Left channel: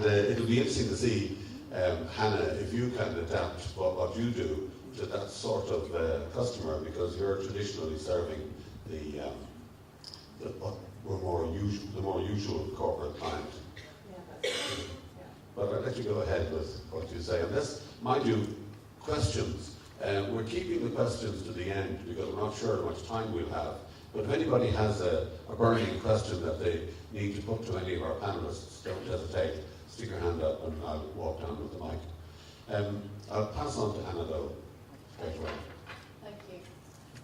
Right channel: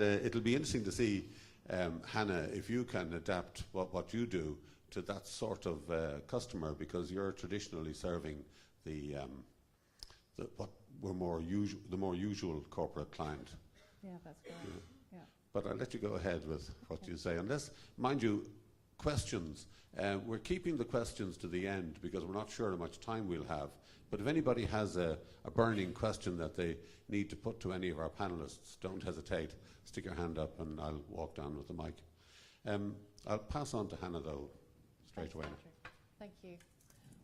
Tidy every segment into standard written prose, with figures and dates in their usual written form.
It'll be interesting to see, Hannah, if you can adapt what you do to that sort of customer, because you're traditionally serving what were the more usual corporate client. Yeah, that's right. Yeah. But I'll let you go ahead with what you say. And this might do questions. We're keeping the questions to the end because we're not sure how much time we'll have. But if anybody has a burning question that they need to put to any of our panelists, don't hesitate. Stick your hand up and I'll walk down with the mic. I'll pass on to Anna though. Straight away. Thank you.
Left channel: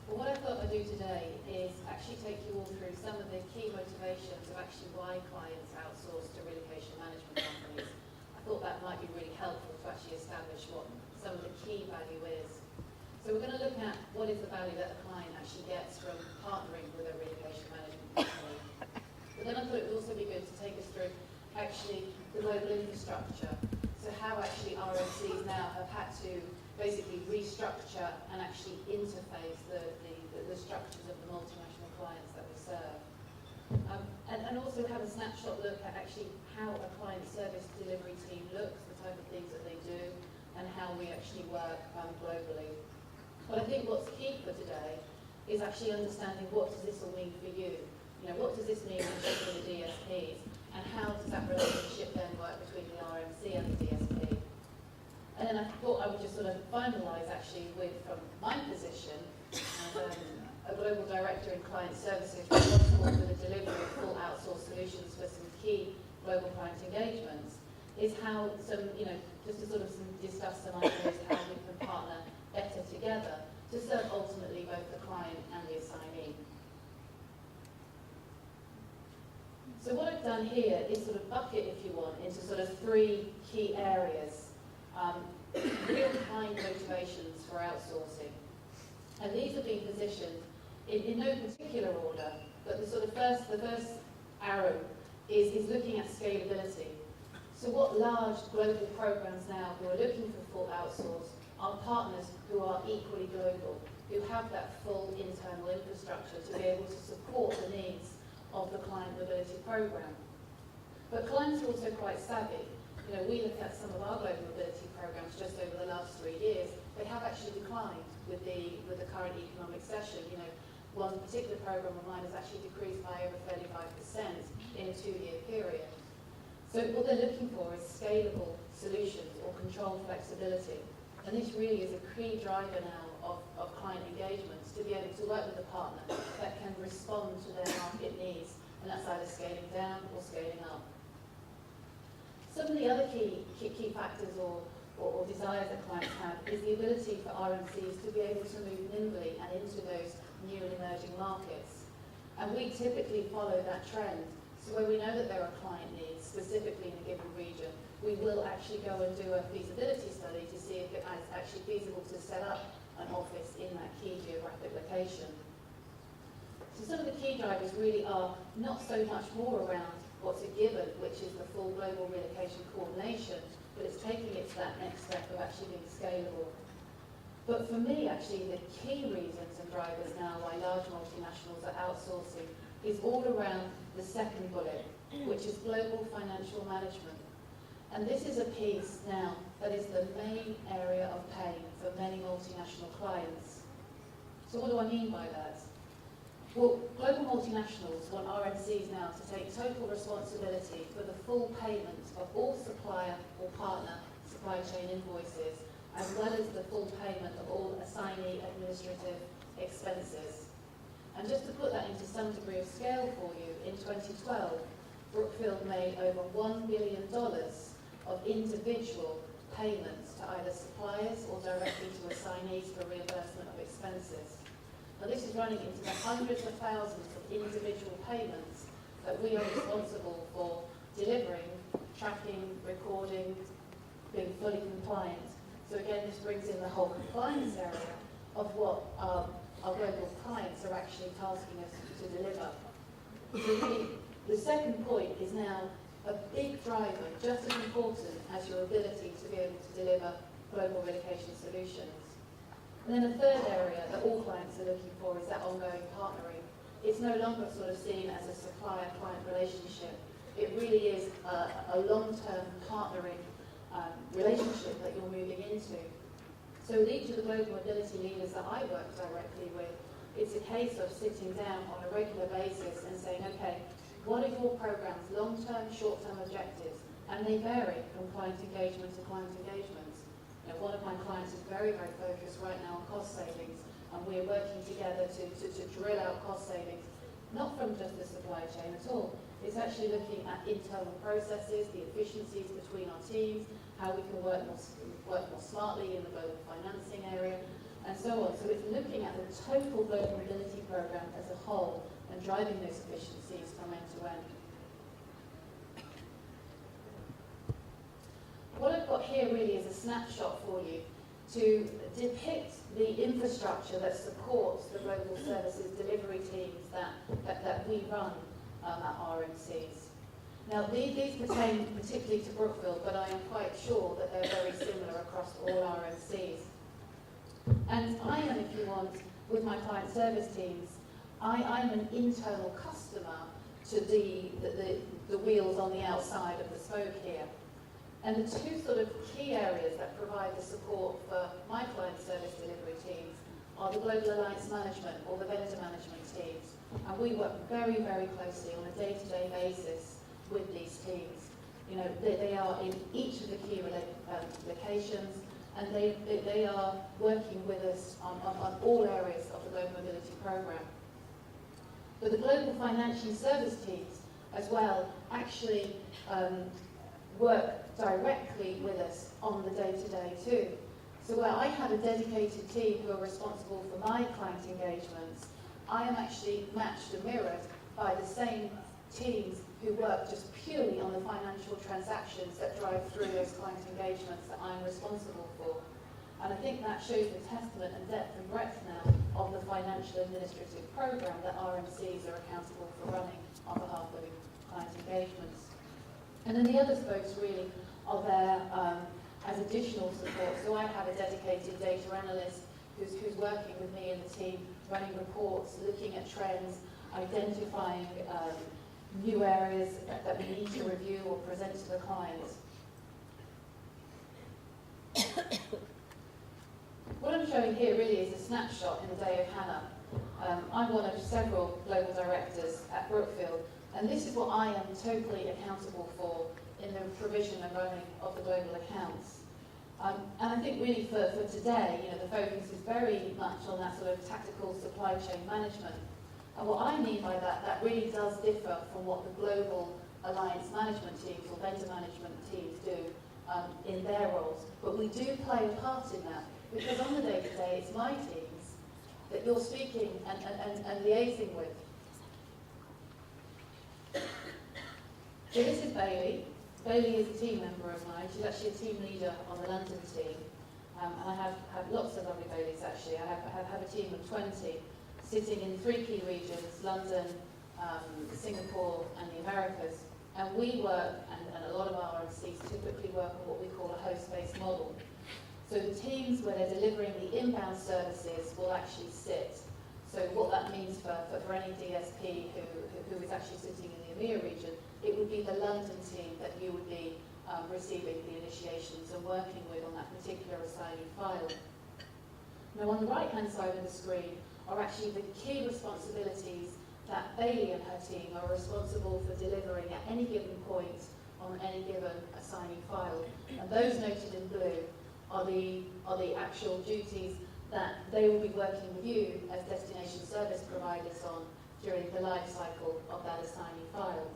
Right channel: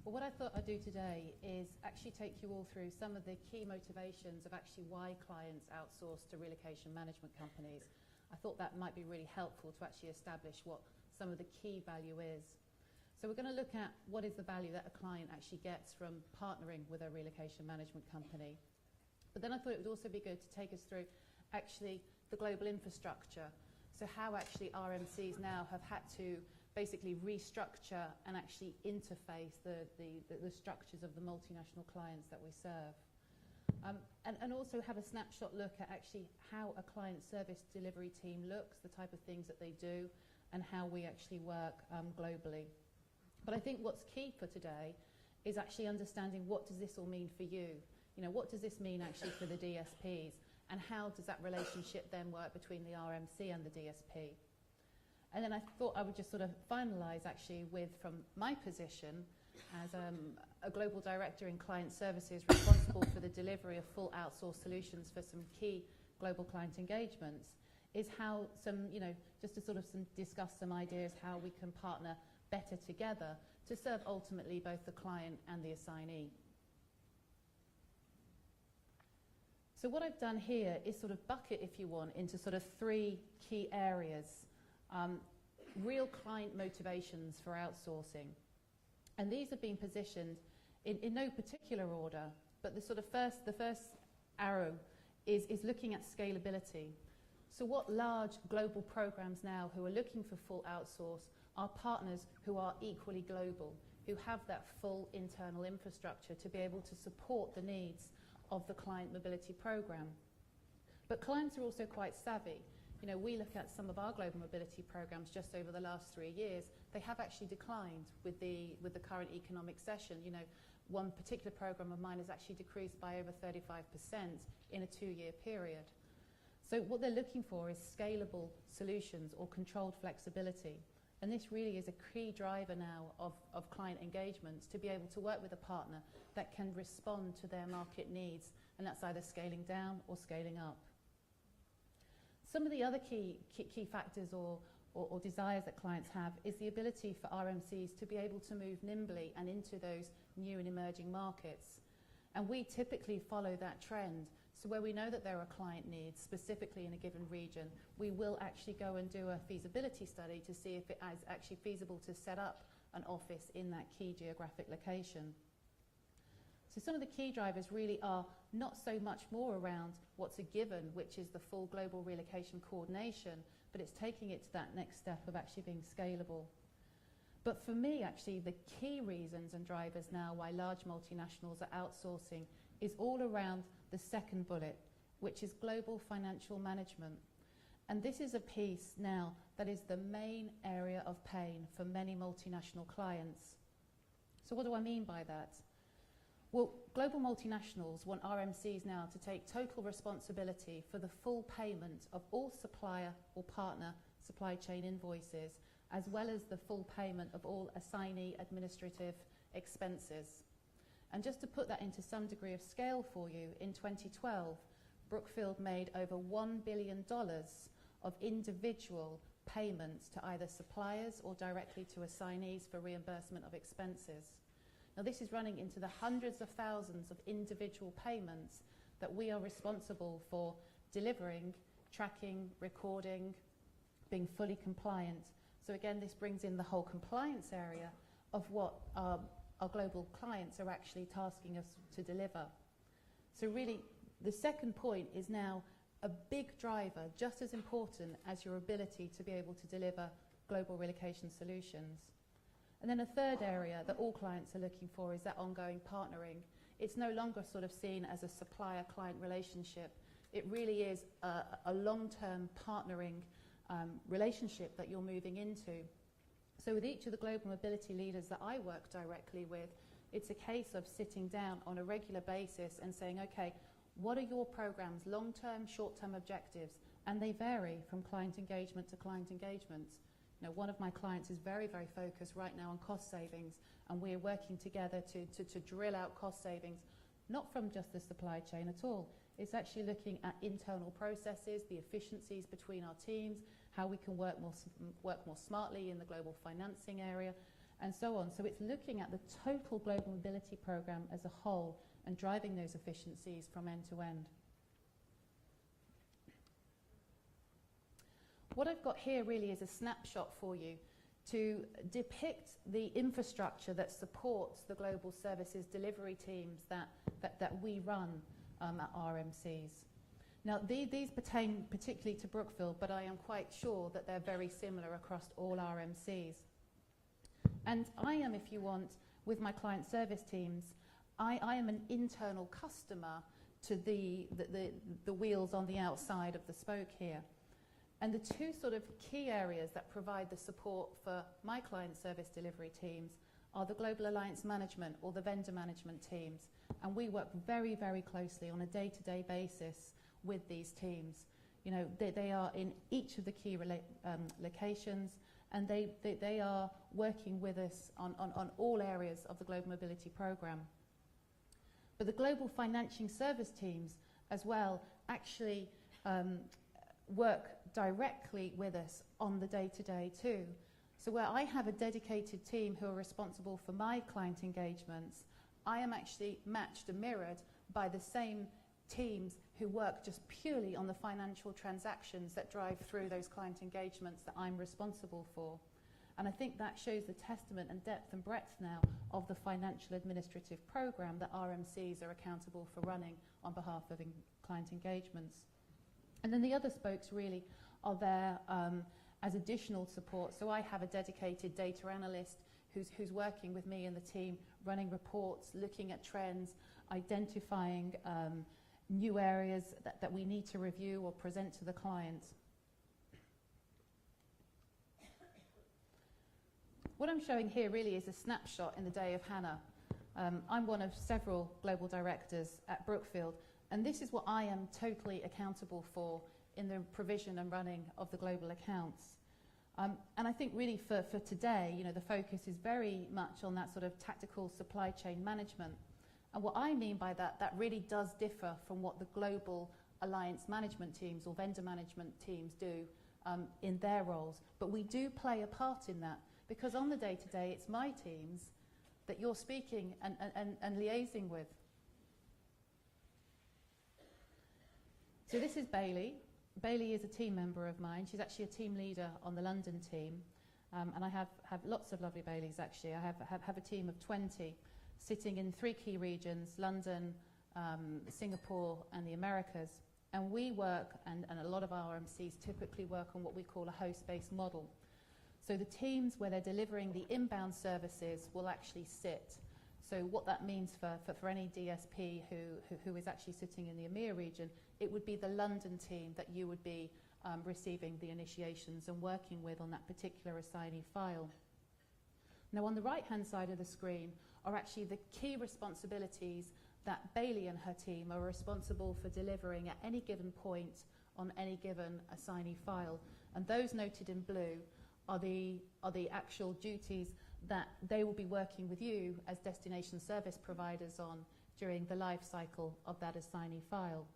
Well, what I thought I'd do today is actually take you all through some of the key motivations of actually why clients outsource to relocation management companies. I thought that might be really helpful to actually establish what some of the key value is. So we're going to look at what is the value that the client actually gets from partnering with a relocation management company. But then I thought it would also be good to take us through actually the global infrastructure. So how actually RMCs now have had to basically restructure and actually interface the structures of the multinational clients that we serve. And also have a snapshot look at actually how a client service delivery team looks, the type of things that they do, and how we actually work globally. But I think what's key for today is actually understanding what does this all mean for you. You know, what does this mean for the DSPs, and how does that relationship then work between the RMC and the DSP? And then I thought I would just sort of finalise actually with, from my position as a global director in client services responsible for the delivery of full outsourced solutions for some key global client engagements, is how some, you know, just to sort of discuss some ideas how we can partner better together to serve ultimately both the client and the assignee. So what I've done here is sort of bucket, if you want, into sort of three key areas. Real-time motivations for outsourcing. And these have been positioned in no particular order, but the first arrow is looking at scalability. So what large global programs now who are looking for full outsource are partners who are equally global, who have that full internal infrastructure to be able to support the needs of the client mobility program. But clients are also quite savvy. You know, we look at some of our global mobility programs just over the last 3 years. They have actually declined with the current economic session. You know, one particular program of mine has actually decreased by over 35% in a 2-year period. So what they're looking for is scalable solutions or control flexibility. And this really is a key driver now of client engagements, to be able to work with a partner that can respond to their market needs, and that's either scaling down or scaling up. Some of the other key factors or desires that clients have is the ability for RMCs to be able to move nimbly and into those new and emerging markets. And we typically follow that trend. So where we know that there are client needs, specifically in a given region, we will actually go and do a feasibility study to see if it is actually feasible to set up an office in that key geographic location. So some of the key drivers really are not so much more around what's a given, which is the full global relocation coordination, but it's taking it to that next step of actually being scalable. But for me, actually, the key reasons and drivers now why large multinationals are outsourcing is all around the second bullet, which is global financial management. And this is a piece now that is the main area of pain for many multinational clients. So what do I mean by that? Well, global multinationals want RMCs now to take total responsibility for the full payment of all supplier or partner supply chain invoices, as well as the full payment of all assignee administrative expenses. And just to put that into some degree of scale for you, in 2012, Brookfield made over $1 billion of individual payments to either suppliers or directly to assignees for reimbursement of expenses. Now this is running into the hundreds of thousands of individual payments that we are responsible for delivering, tracking, recording, being fully compliant. So again, this brings in the whole compliance area of what our global clients are actually tasking us to deliver. The second point is now a big driver, just as important as your ability to be able to deliver global relocation solutions. And then the third area that all clients are looking for is that ongoing partnering. It's no longer sort of seen as a supplier-client relationship. It it really is a long-term partnering relationship that you're moving into. So with each of the global mobility leaders that I work directly with, it's a case of sitting down on a regular basis and saying, okay, what are your program's long-term, short-term objectives? And they vary from client engagement to client engagements. You know, one of my clients is very, very focused right now on cost savings, and we are working together to drill out cost savings, not from just the supply chain at all. It's actually looking at internal processes, the efficiencies between our teams, how we can work more smartly in the global financing area, and so on. So it's looking at the total global mobility program as a whole and driving those efficiencies from end to end. What I've got here really is a snapshot for you to depict the infrastructure that supports the global services delivery teams that we run at RMCs. Now these pertain particularly to Brookfield, but I am quite sure that they're very similar across all RMCs. And I am, if you want, with my client service teams, I'm an internal customer to the wheels on the outside of the spoke here. And the two sort of key areas that provide the support for my client service delivery teams are the Global Alliance Management or the vendor management teams. And we work very, very closely on a day-to-day basis with these teams. You know, they are in each of the key locations, and they are working with us on all areas of the Global Mobility Programme. But the Global Financial Service teams as well actually work directly with us on the day-to-day too. So where I have a dedicated team who are responsible for my client engagements, I am actually matched and mirrored by the same teams who work just purely on the financial transactions that drive through those client engagements that I'm responsible for. And I think that shows the testament and depth and breadth now of the financial administrative programme that RMCs are accountable for running on behalf of client engagements. And then the other spokes really are there as additional support. So I have a dedicated data analyst who's working with me and the team, running reports, looking at trends, identifying new areas that we need to review or present to the clients. What I'm showing here really is a snapshot in the day of Hannah. I'm one of several global directors at Brookfield, and this is what I am totally accountable for in the provision and running of the global accounts. And I think really for today, you know, the focus is very much on that sort of tactical supply chain management. And what I mean by that really does differ from what the global alliance management teams or vendor management teams do in their roles. But we do play a part in that, because on the day-to-day, it's my teams that you're speaking and liaising with. So this is Bailey. Bailey is a team member of mine. She's actually a team leader on the London team. And I have lots of lovely Baileys actually. I have a team of 20 sitting in 3 key regions, London, Singapore and the Americas. And we work, and a lot of our RMCs typically work on what we call a host-based model. So the teams where they're delivering the inbound services will actually sit. So what that means for any DSP who is actually sitting in the EMEA region, it would be the London team that you would be receiving the initiations and working with on that particular assignee file. Now on the right-hand side of the screen are actually the key responsibilities that Bailey and her team are responsible for delivering at any given point on any given assignee file. And those noted in blue are the actual duties that they will be working with you as destination service providers on during the life cycle of that assignee file.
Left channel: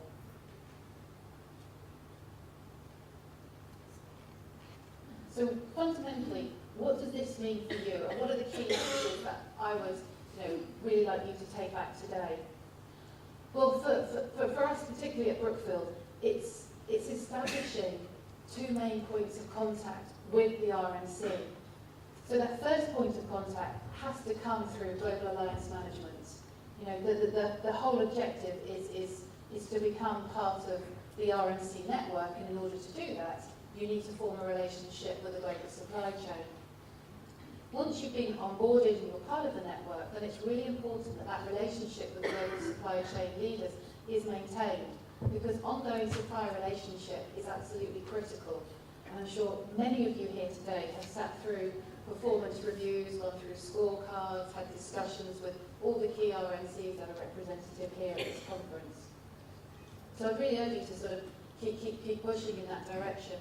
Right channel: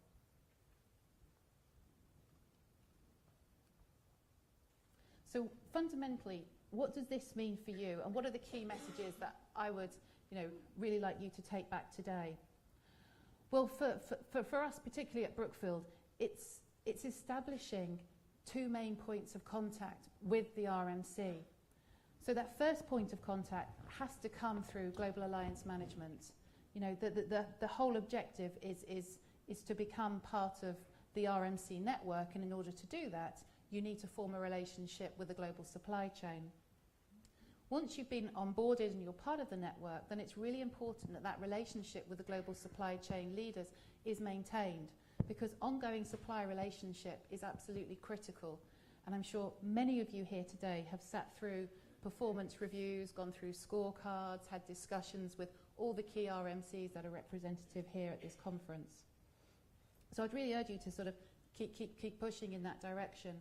So fundamentally, what does this mean for you? And what are the key messages that I would really like you to take back today? Well, for us, particularly at Brookfield, it's establishing 2 main points of contact with the RMC. So that first point of contact has to come through Global Alliance Management. You know, the whole objective is to become part of the RMC network, and in order to do that, you need to form a relationship with the global supply chain. Once you've been onboarded and you're part of the network, then it's really important that that relationship with the global supply chain leaders is maintained. because ongoing supplier relationship is absolutely critical. And I'm sure many of you here today have sat through performance reviews, gone through scorecards, had discussions with all the key RMCs that are representative here at this conference. So I really urge you to sort of keep pushing in that direction.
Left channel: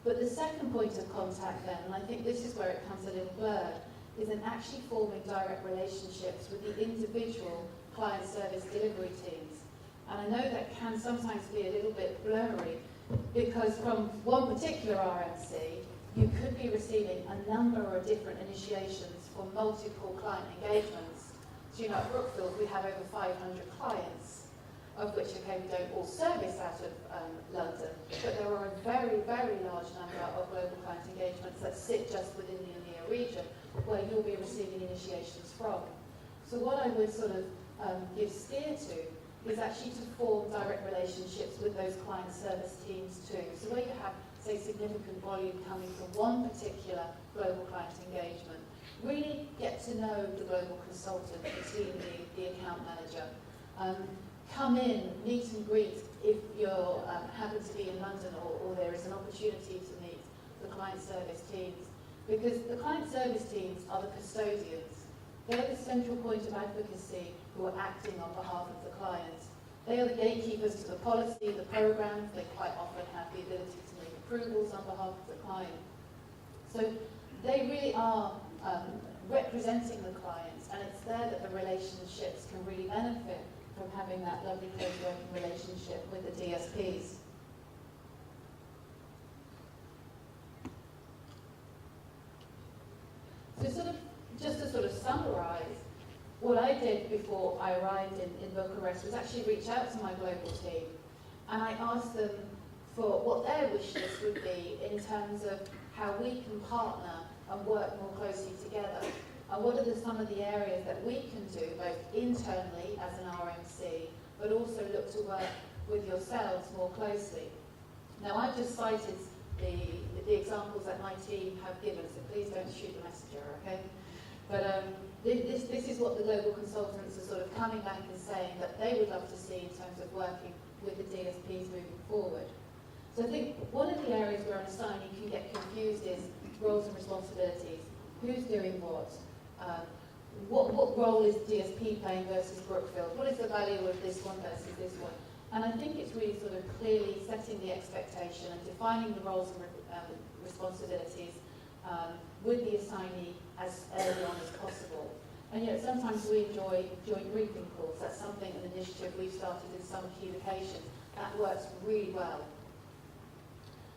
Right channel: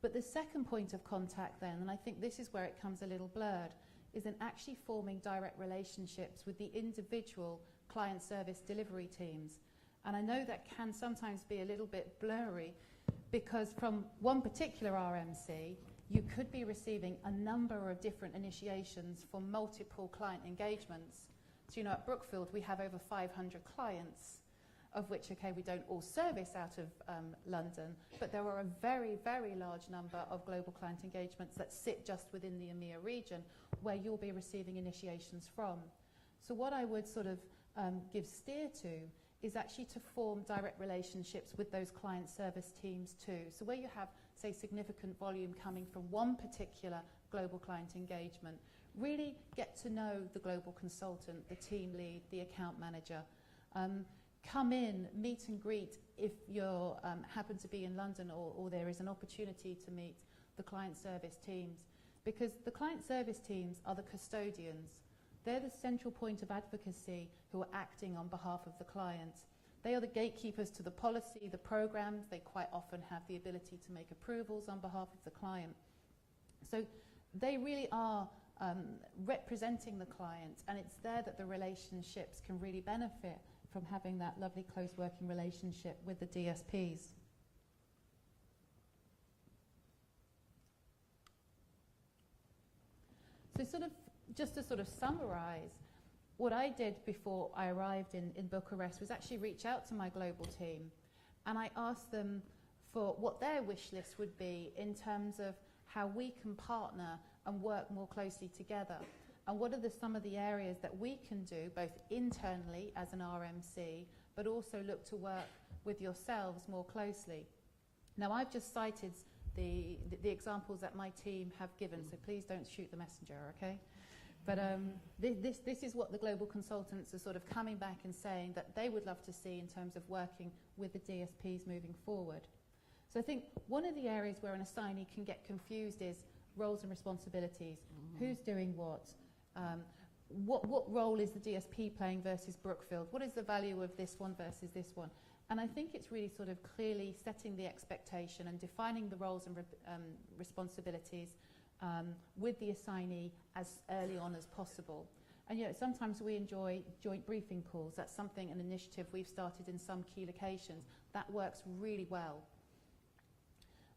But the second point of contact then, and I think this is where it comes a little blurred, is in actually forming direct relationships with the individual client service delivery teams. And I know that can sometimes be a little bit blurry, because from one particular RMC, you could be receiving a number of different initiations for multiple client engagements. So, you know, at Brookfield, we have over 500 clients, of which, okay, we don't all service out of London, but there are a very, very large number of global client engagements that sit just within the EMEA region, where you'll be receiving initiations from. So what I would sort of give steer to is actually to form direct relationships with those client service teams too. So where you have, say, significant volume coming from one particular global client engagement, really get to know the global consultant, the team lead, the account manager. Come in, meet and greet if you're happen to be in London or there is an opportunity to meet the client service teams. Because the client service teams are the custodians. They're the central point of advocacy who are acting on behalf of the clients. They are the gatekeepers to the policy, the programs. They quite often have the ability to make approvals on behalf of the client. So they really are representing the clients, and it's there that the relationships can really benefit from having that lovely close working relationship with the DSPs. So just to sort of summarise, what I did before I arrived in Bucharest was actually reach out to my global team, and I asked them for what their wish list would be in terms of how we can partner and work more closely together, and what are some of the areas that we can do both internally as an RMC, but also look to work with yourselves more closely. Now, I've just cited the examples that my team have given, so please don't shoot the messenger, okay? But this is what the global consultants are sort of coming back and saying that they would love to see in terms of working with the DSPs moving forward. So I think one of the areas where I'm saying you can get confused is roles and responsibilities. Who's doing what? What role is DSP playing versus Brookfield? What is the value of this one versus this one? And I think it's really sort of clearly setting the expectation and defining the roles and responsibilities with the assignee as early on as possible. And you know, sometimes we enjoy joint briefing calls. That's something, an initiative we've started in some key locations. That works really well.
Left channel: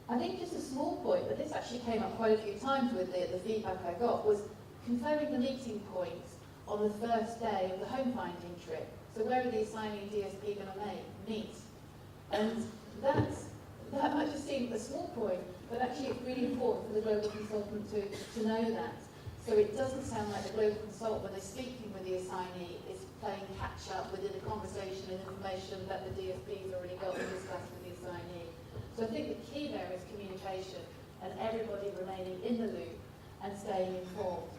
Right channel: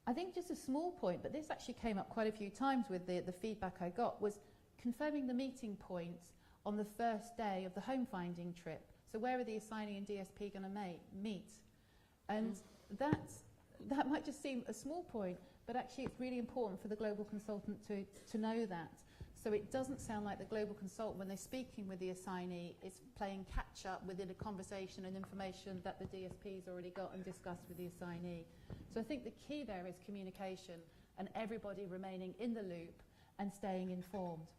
I think just a small point, but this actually came up quite a few times with the feedback I got, was confirming the meeting points on the first day of the home finding trip. So where are the assignee DSP going to meet? And that might just seem a small point, but actually it's really important for the global consultant to know that. So it doesn't sound like the global consultant, when they're speaking with the assignee, is playing catch up within the conversation and information that the DSP's already got and discussed with the assignee. So I think the key there is communication and everybody remaining in the loop and staying informed.